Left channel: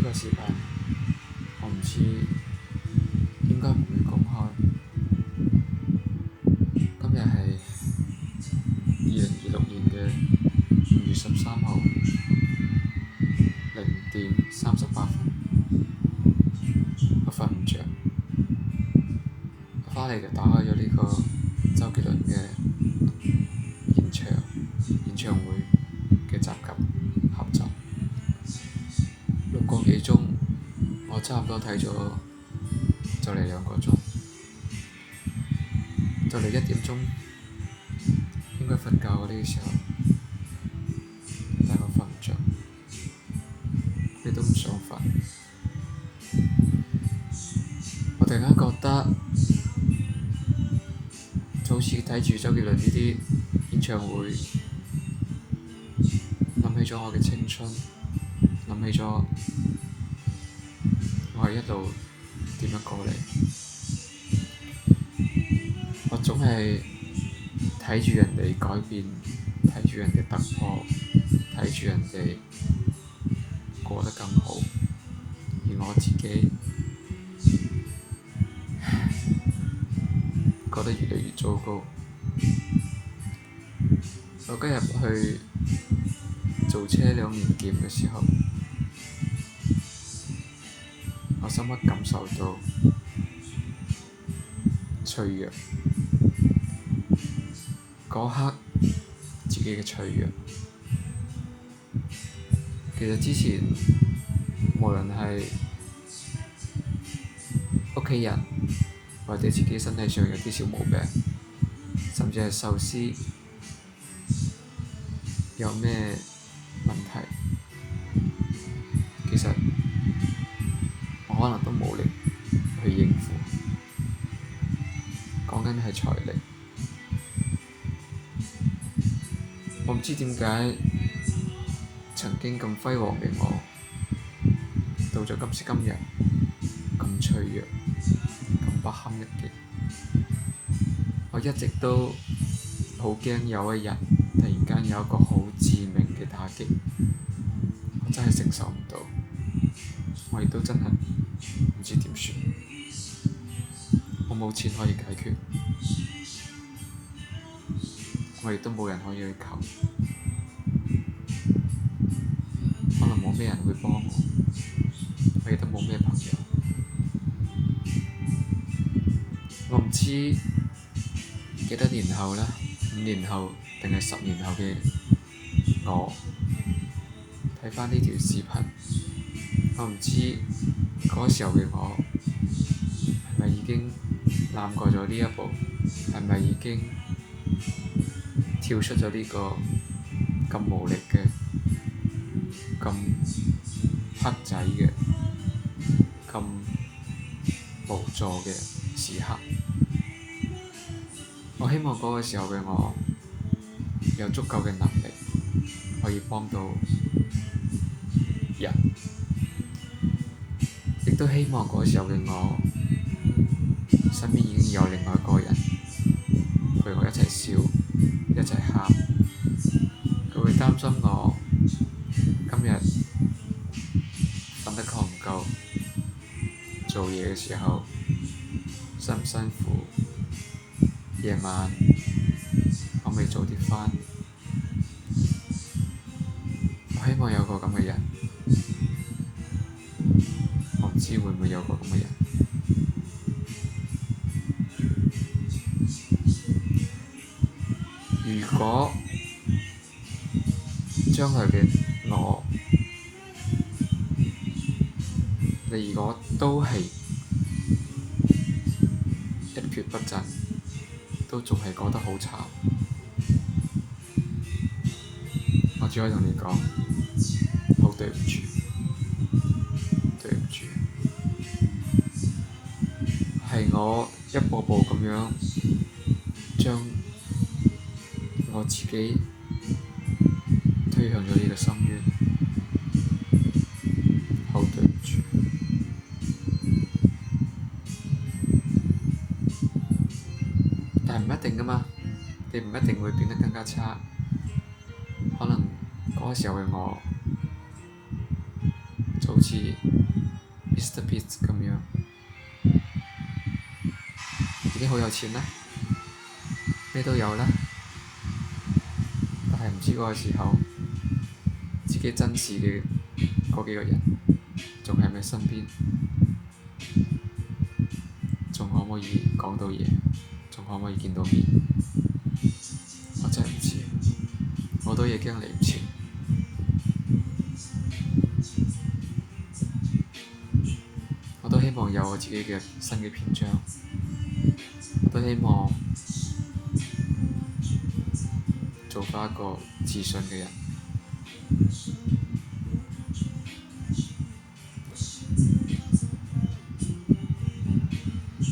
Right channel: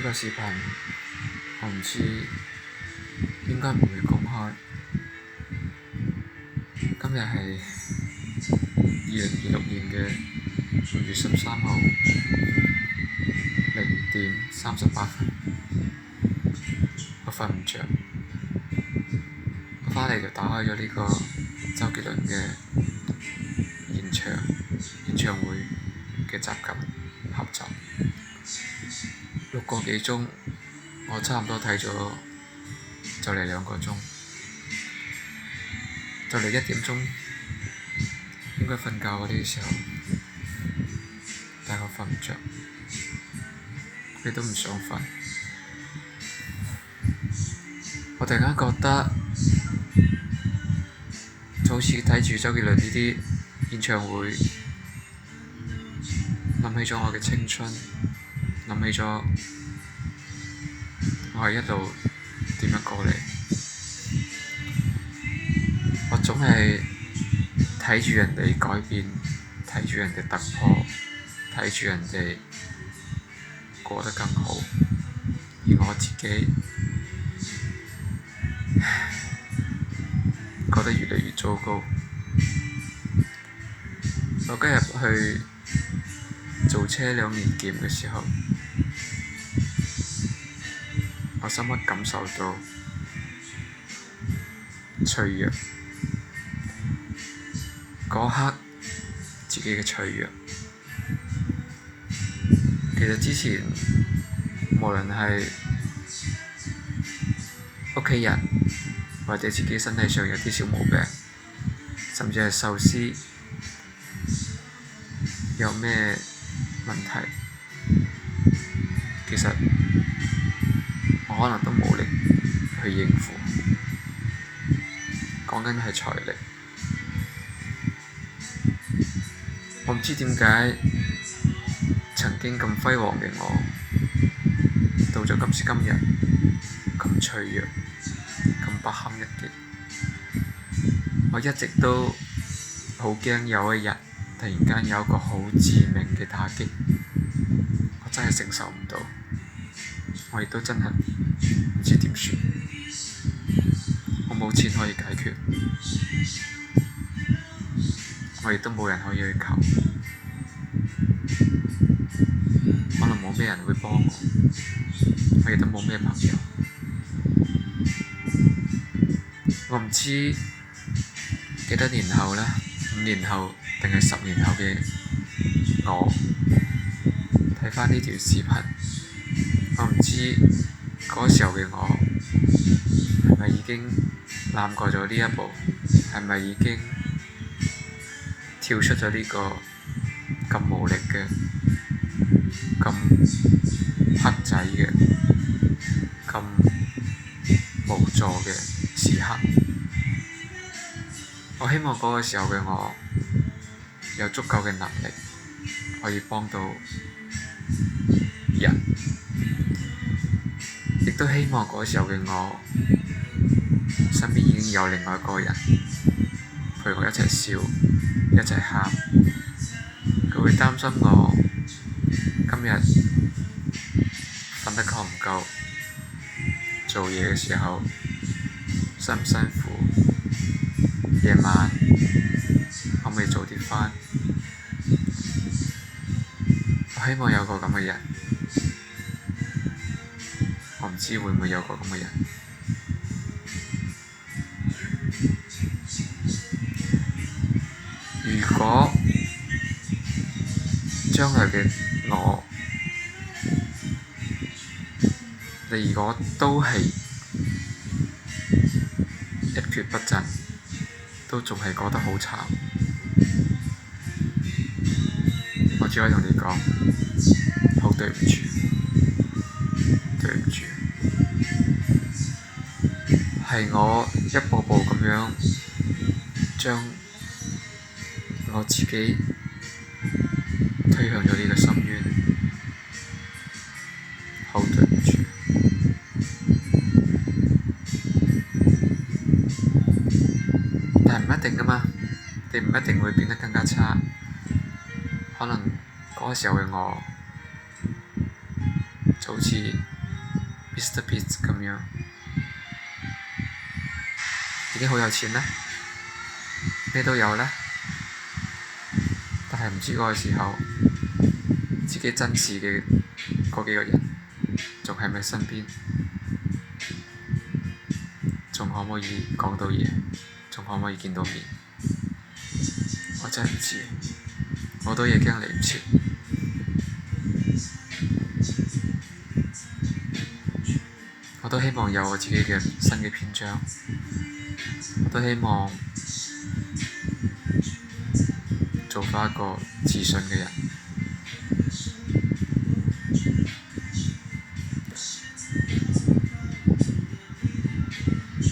呢個視頻我唔知應該唔會公開。今日係2026年嘅5月13號0:38，我瞓唔着，我返嚟就打開咗呢個周杰倫嘅演唱會嘅集錦合集，6個幾鐘，我差唔多睇咗就嚟2個鐘，就嚟1點鐘應該瞓覺嘅呢個時候，但係我瞓唔着，亦都唔想瞓。我突然間覺得就好似睇住周杰倫呢啲演唱會，諗起咗我嘅青春，諗起咗我係一路點樣過嚟。我總係睇住人哋改變，睇住人哋突破，睇住人哋過得更好，而我自己覺得越嚟越糟糕。我今日去做車輛年檢嘅時候，我深刻感受到脆弱，嗰刻自己嘅脆弱。其實之前無論係屋企人或者自己身體上有啲小毛病，甚至係壽司有咩問題，其實我可能都冇力去應付。講緊係財力，我唔知點解曾經咁輝煌嘅我，到咗今時今日咁脆弱，咁不堪一擊。我一直都好驚有一日突然間有一個好致命嘅打擊，我真係承受唔到，我亦都真係唔知點算。我冇錢可以解決，我亦都冇人可以去求，可能冇咩人會幫我，我亦都冇咩朋友。我唔知幾多年後啦，5年後定係10年後嘅我睇返呢條視頻，我唔知嗰時候嘅我係咪已經攬過咗呢一步，係咪已經跳出咗呢個咁無力嘅、咁黑仔嘅、咁無助嘅時刻。我希望嗰個時候嘅我有足夠嘅能力可以幫到人，亦都希望嗰個時候嘅我身邊已經有另外一個人陪我一齊笑，一齊喊。佢會擔心我今日瞓得夠唔夠，做嘢嘅時候辛唔辛苦，夜晚可唔可以早啲返。我希望有個咁嘅人，我唔知會唔會有個咁嘅人。如果將來嘅我，你如果都係一蹶不振，都仲係覺得好慘，我只可以同你講，好對唔住，對唔住，係我一步步咁樣將我自己推向咗呢個深淵，好對唔住。但係唔一定㗎嘛，你唔一定會變得更加差，可能嗰個時候嘅我就就好似 Mr. Beast 咁樣，已經好有錢啦，咩都有啦，但係唔知嗰個時候自己珍視嘅嗰幾個人仲喺咪身邊，仲可唔可以講到嘢，仲可唔可以見到面？我真係唔知，我都已經嚟唔切。我都希望有我自己嘅新嘅篇章，我都希望做返一個自信嘅人。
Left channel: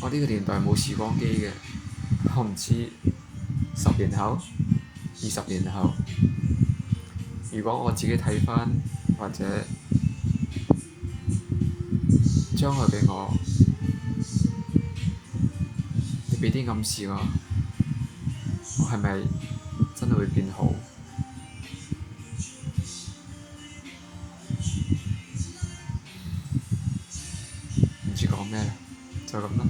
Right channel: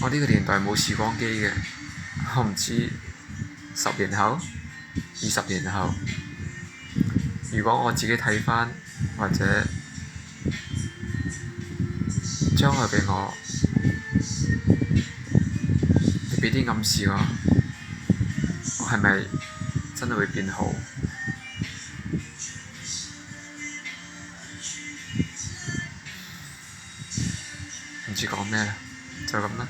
我呢個年代冇時光機嘅，我唔知10年後、20年後，如果我自己睇返或者將來嘅我，你畀啲暗示我係咪真係會變好？唔知講咩啦，就咁啦。